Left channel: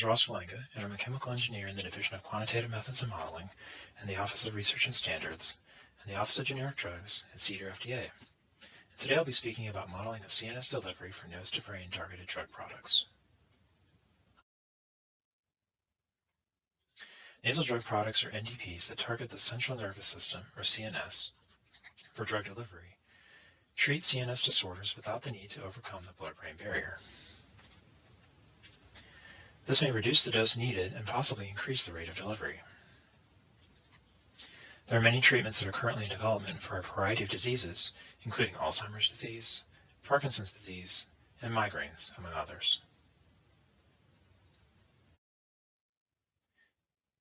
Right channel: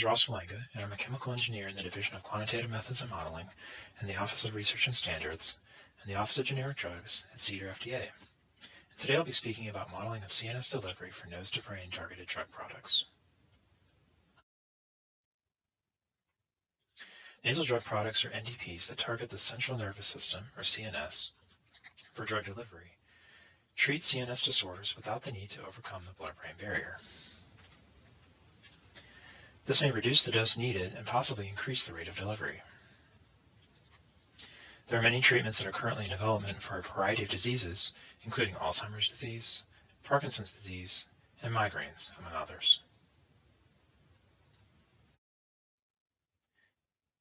is Ross Walenga, and I'm a chemical engineer in the Division of Quantitative Methods and Modeling in the Office of Research and Standards and the Office of Generic Drugs at CDER FDA. Today I'll be speaking about modeling of CNS delivery for nose-to-brain targeted drug products. Nasal drug products are NDPs that target the central nervous system, or CNS, for drug delivery, treat CNS disorders without the need to overcome the blood-brain barrier. This may reduce the dose needed and possibly increase the rate of delivery. There are many treatments that are currently in development for a variety of diseases, including Alzheimer's disease, Parkinson's disease, and migraines, among others.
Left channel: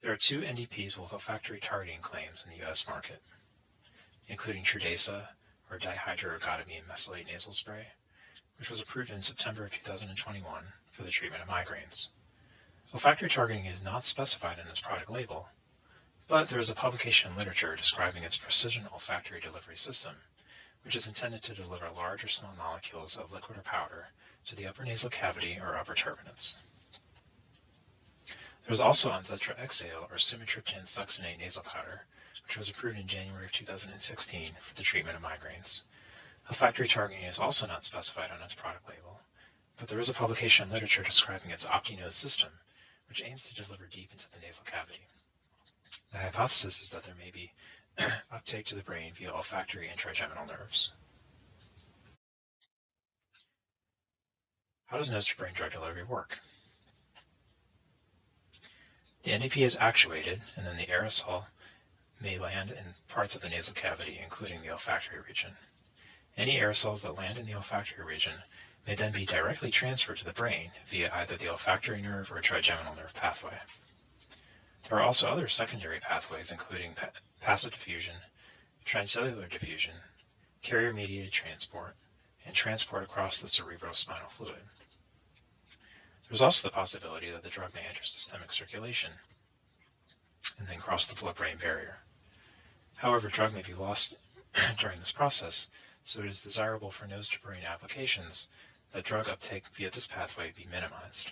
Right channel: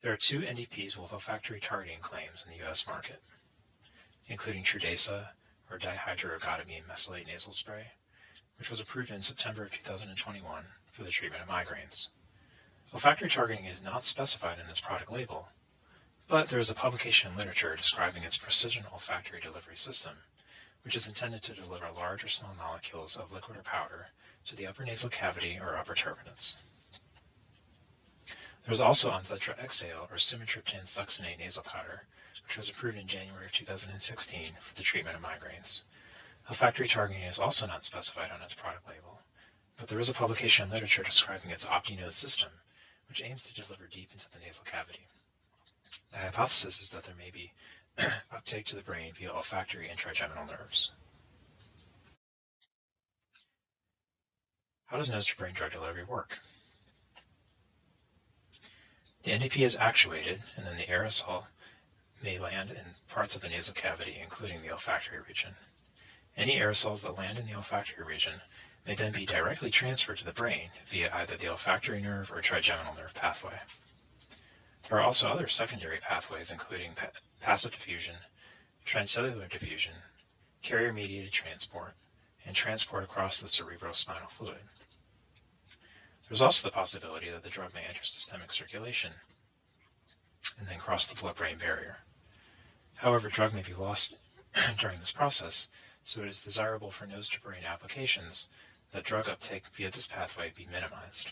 There are two NDPs with olfactory targeting claims in the U.S. market, including Trudesa, or dihydroergotamine mesylate nasal spray, which was approved in September of 2021 for the treatment of migraines. Olfactory targeting is not specified in its product label, but there is a publication in literature describing its precision olfactory delivery system, which is intended to deliver large or small molecules of liquid or powder to the upper nasal cavity or upper turbinates. There is also Onzetra XAO, or sumatriptan succinate nasal powder, which was approved in January of 2016 for the treatment of migraines. Olfactory targeting is also not specified on its product label, but there is a publication in literature describing its OptiNose system, which aims to deliver deep into the nasal cavity. The hypothesis is that there may be uptake to the brain via olfactory and trigeminal nerves. How does nose-to-brain drug delivery work? The NDP is actuated, and then the aerosol may land in parts of the nasal cavity, including the olfactory region. Any aerosols that land in the olfactory region may then be directly transferred to the brain via either the olfactory nerve or trigeminal nerve pathway. There are also other secondary pathways, including passive diffusion, transcellular diffusion, carrier-mediated transport, and transport across the cerebrospinal fluid. There's also the possibility that the drug may enter systemic circulation and then cross the blood-brain barrier. However, drug may be lost during this process, so it is desirable for nose-to-brain applications that drug uptake via this pathway be minimized.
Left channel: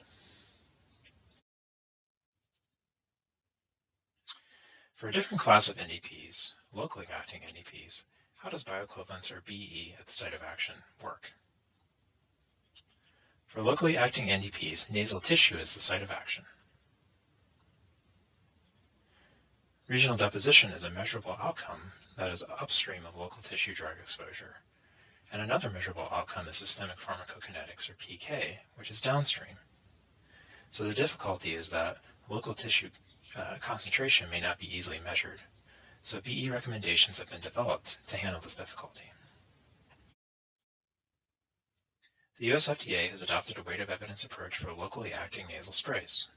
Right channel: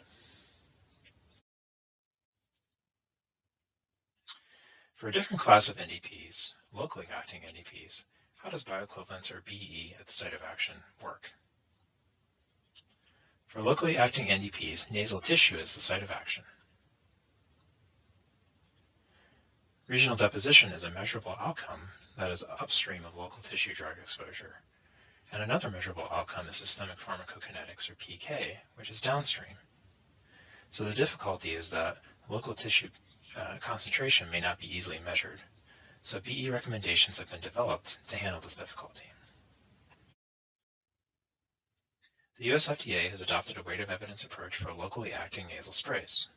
For a different class of NDPs, locally acting NDPs, how does bioequivalence, or BE, at the site of action work? For locally acting NDPs, nasal tissue is the site of action. Regional deposition is a measurable outcome that is upstream of local tissue drug exposure, and another measurable outcome is systemic pharmacokinetics, or PK, which is downstream. So the difficulty is that local tissue concentration may not be easily measured, so BE recommendations have been developed to handle this difficulty. The US FDA has adopted a weight of evidence approach for locally acting nasal sprays.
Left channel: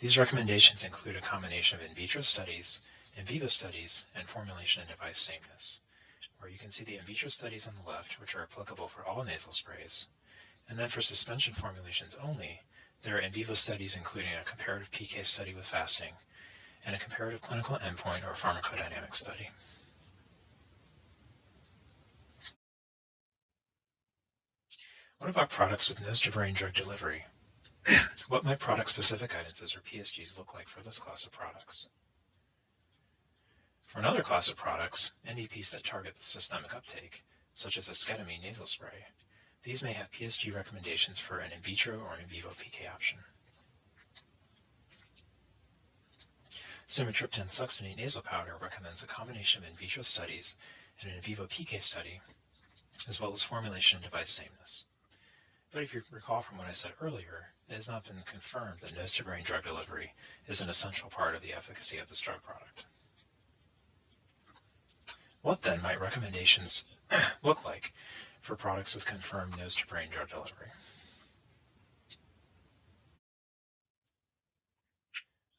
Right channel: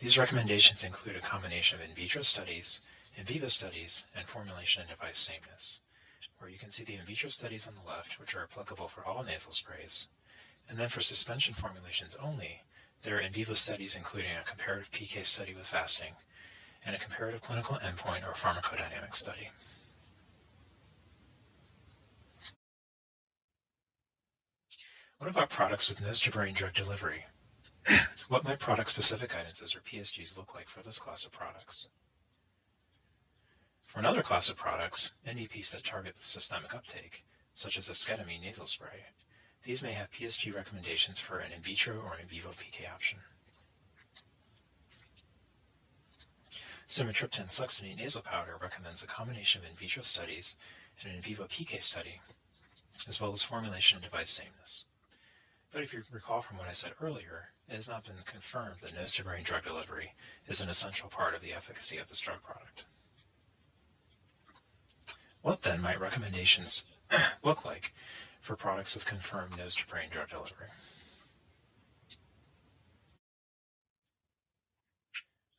These recommendations include a combination of in vitro studies, in vivo studies, and formulation and device sameness, where you can see the in vitro studies on the left, which are applicable for all nasal sprays, and then for suspension formulations only, there are in vivo studies including a comparative PK study with fasting and a comparative clinical endpoint or pharmacodynamic study. What about products with nose-to-brain drug delivery? What might product-specific guidances, or PSGs, look like for this class of products? For another class of products, NDPs that target the systemic uptake, such as esketamine nasal spray, these may have PSG recommendations for an in vitro or in vivo PK option. Sumatriptan succinate nasal powder recommends a combination of in vitro studies and an in vivo PK study, as well as formulation and device sameness. But if you recall from what I said earlier, it has not been confirmed that nose-to-brain drug delivery is an essential part of the efficacy of this drug product. What then might recommendations look like for products with confirmed nose-to-brain drug delivery?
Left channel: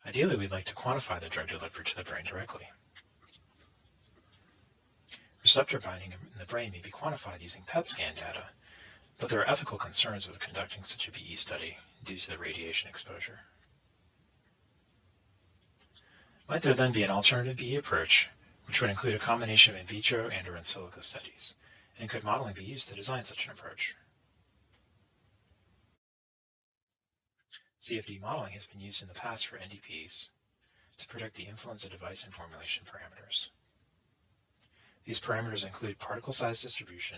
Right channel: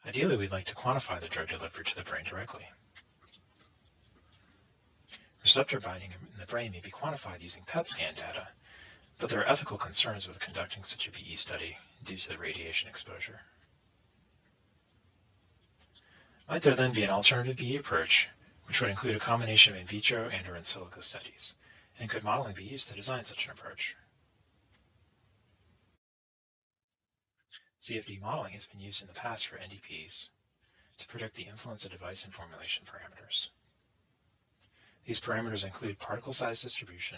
Ideally, we'd like to quantify the drug delivery to the brain directly. Receptor binding in the brain may be quantified using PET scan data, but there are ethical concerns with conducting such a BE study due to the radiation exposure. Might there then be an alternative BE approach, which would include a combination of in vitro and or in silico studies, and could modeling be used to design such an approach? CFD modeling has been used in the past for NDPs to predict the influence of device and formulation parameters. These parameters include particle size distribution,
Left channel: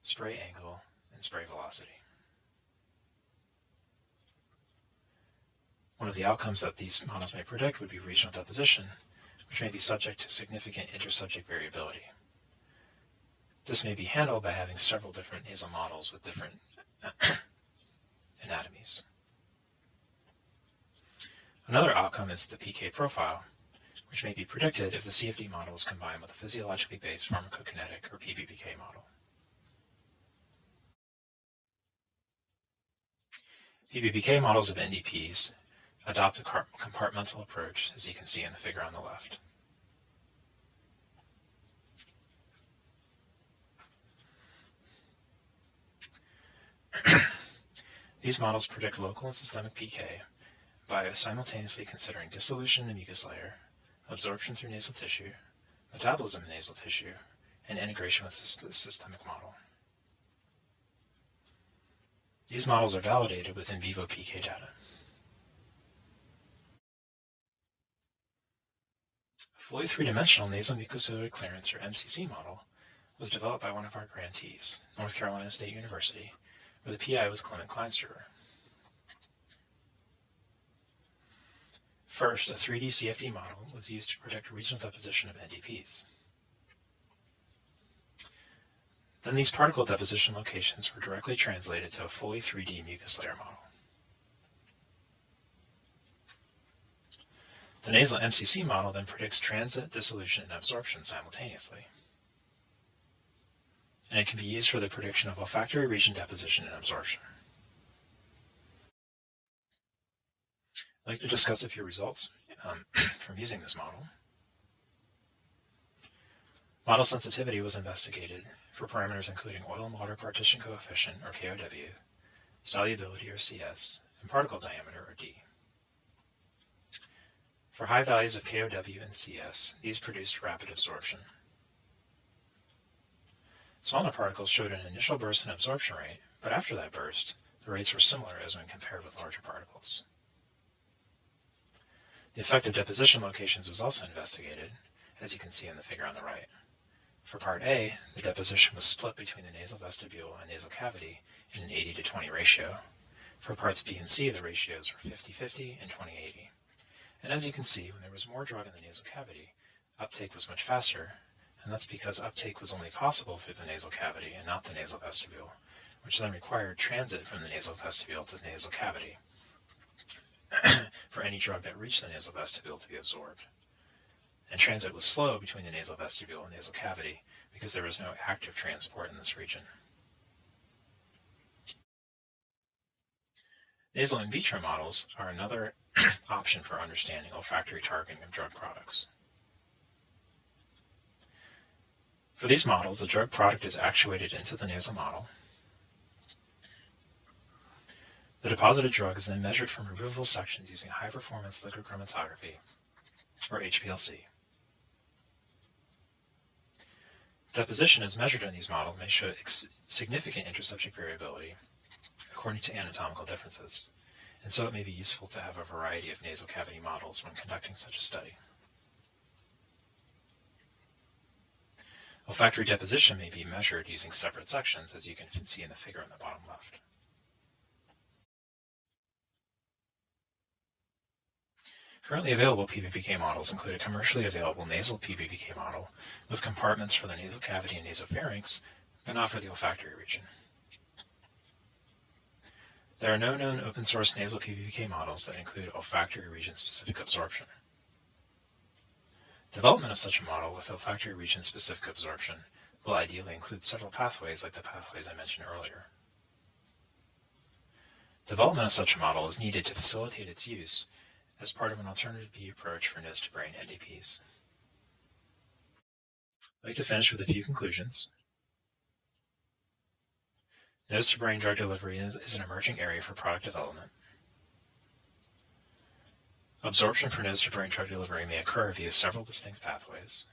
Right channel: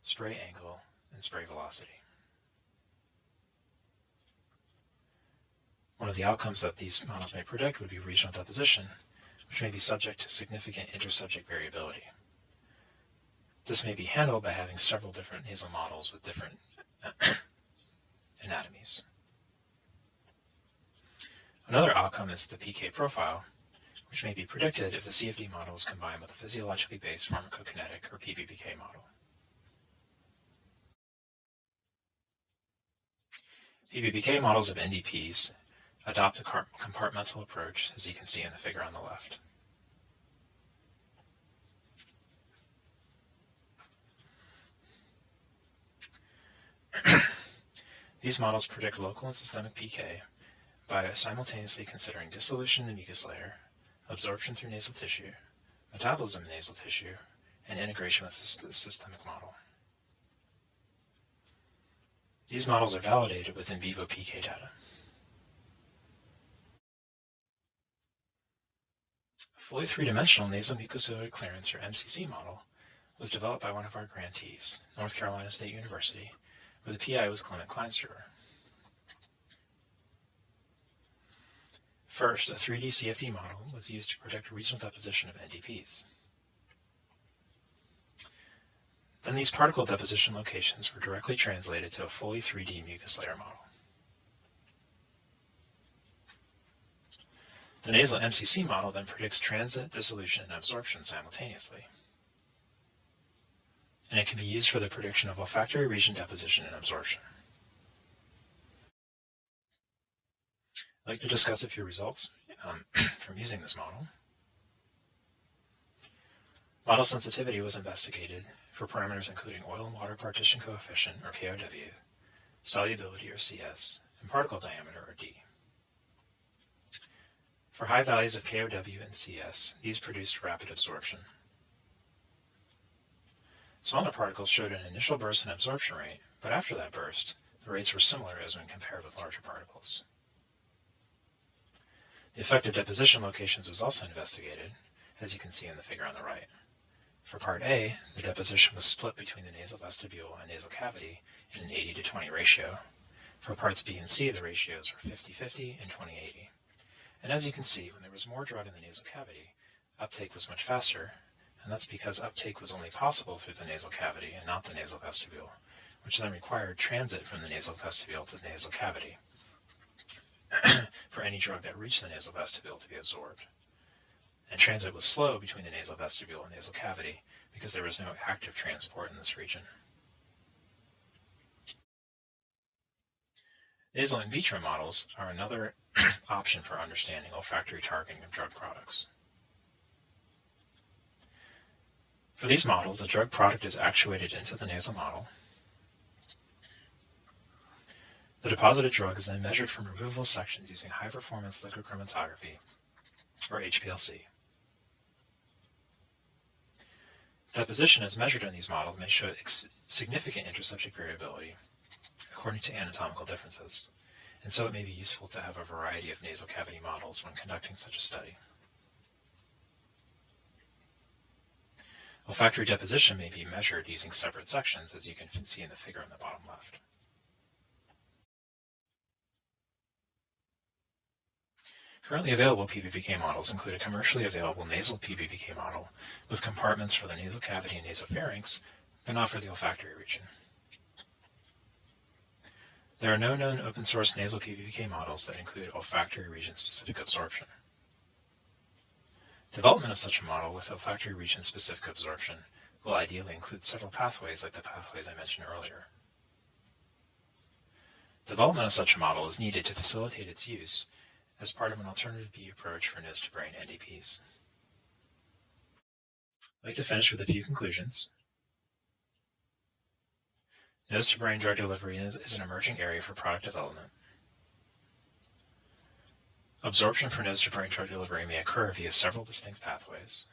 spray angle, and spray velocity. One of the outcomes that these models may predict would be regional deposition, which may be subject to significant intersubject variability. This may be handled by having several different nasal models with different anatomies. Another outcome is the PK profile, which may be predicted if the CFD model is combined with a physiologically based pharmacokinetic or PBPK model. PBPK models of NDPs adopt a compartmental approach, as you can see in the figure on the left. These models predict local and systemic PK by simultaneously considering dissolution in the mucus layer, absorption through nasal tissue, metabolism in nasal tissue, and integration with the systemic model. These models are validated with in vivo PK data. A fully three-dimensional nasal mucociliary clearance, or MCC model, was developed by one of our grantees, North Carolina State University, where the PI was Clement Kleinsterer. First, a 3D CFD model was used to predict regional deposition of NDPs. Then these particle deposition locations were directly translated to a fully 3D mucus layer model. The nasal MCC model then predicts transit, dissolution, and absorption simultaneously. And it can be used for the prediction of olfactory region deposition and absorption. I'd like to discuss a few results from using this model. Model sensitivity was investigated for parameters including oil and water partition coefficient, or KOW, solubility, or CS, and particle diameter, or D. For high values of KOW and CS, these produced rapid absorption. Smaller particles showed an initial burst in absorption rate, but after that burst, the rates were similar as when compared with larger particles. The effect of deposition locations was also investigated, as you can see in the figure on the right. For part A, the deposition was split between the nasal vestibule and nasal cavity in an 80-to-20 ratio. For parts B and C, the ratios were 50-50 and 20-80. And as you can see, when there was more drug in the nasal cavity, uptake was much faster, and that's because uptake was only possible through the nasal cavity and not the nasal vestibule, which then required transit from the nasal vestibule to the nasal cavity for any drug that reached the nasal vestibule to be absorbed. And transit was slow between the nasal vestibule and nasal cavity because there was no active transport in this region. Nasal in vitro models are another option for understanding olfactory targeting of drug products. For these models, the drug product is actuated into the nasal model. The deposited drug is then measured from removable sections using high-performance liquid chromatography, or HPLC. Deposition as measured in these models may show significant intersubject variability according to anatomical differences, and so it may be useful to have a variety of nasal cavity models when conducting such a study. Olfactory deposition may be measured using separate sections, as you can see in the figure on the bottom left. Currently available PBPK models include a commercially available nasal PBPK model with compartments for the nasal cavity and nasopharynx, but not for the olfactory region. There are no known open-source nasal PBPK models that include olfactory region-specific absorption. Development of such a model with olfactory region-specific absorption will ideally include several pathways like the pathways I mentioned earlier. Development of such a model is needed to facilitate its use as part of an alternative B approach for nose-to-brain NDPs. I'd like to finish with a few conclusions. Nose-to-brain drug delivery is an emerging area for product development. Absorption for nose-to-brain drug delivery may occur via several distinct pathways.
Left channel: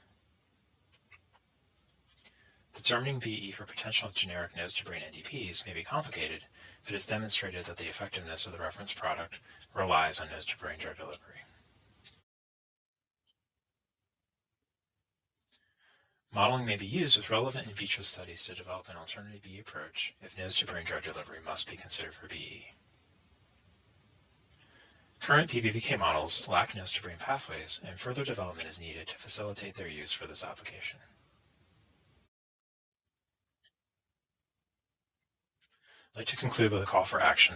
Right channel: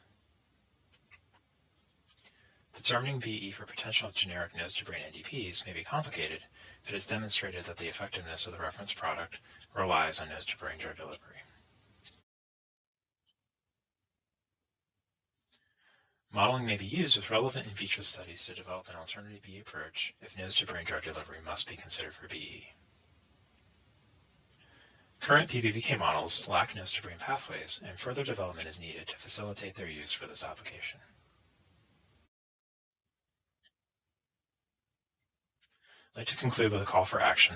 Determining VE for potential generic nose-to-brain NDPs may be complicated if it is demonstrated that the effectiveness of the reference product relies on nose-to-brain drug delivery. Modeling may be used with relevant in vitro studies to develop an alternative BE approach if nose-to-brain drug delivery must be considered for BE. Current PBPK models lack nose-to-brain pathways, and further development is needed to facilitate their use for this application. I'd like to conclude with a call for action.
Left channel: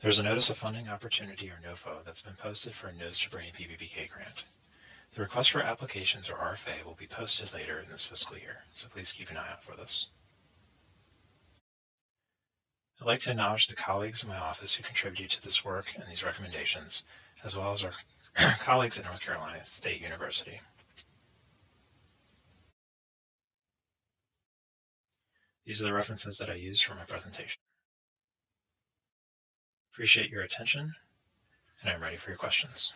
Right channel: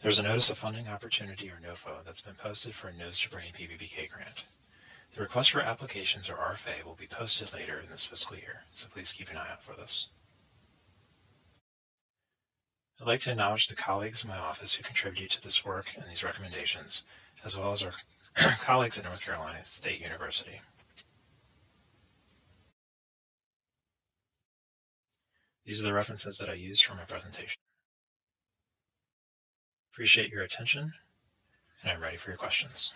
There's a Notice of Funding Opportunity, or NOFO, that's been posted for a nose-to-brain PBPK grant. The request for applications, or RFA, will be posted later in this fiscal year, so please keep an eye out for this. I'd like to acknowledge the colleagues in my office who contribute to this work and these recommendations, as well as our colleagues at North Carolina State University. These are the references that I used for my presentation. Appreciate your attention, and I'm ready for your questions.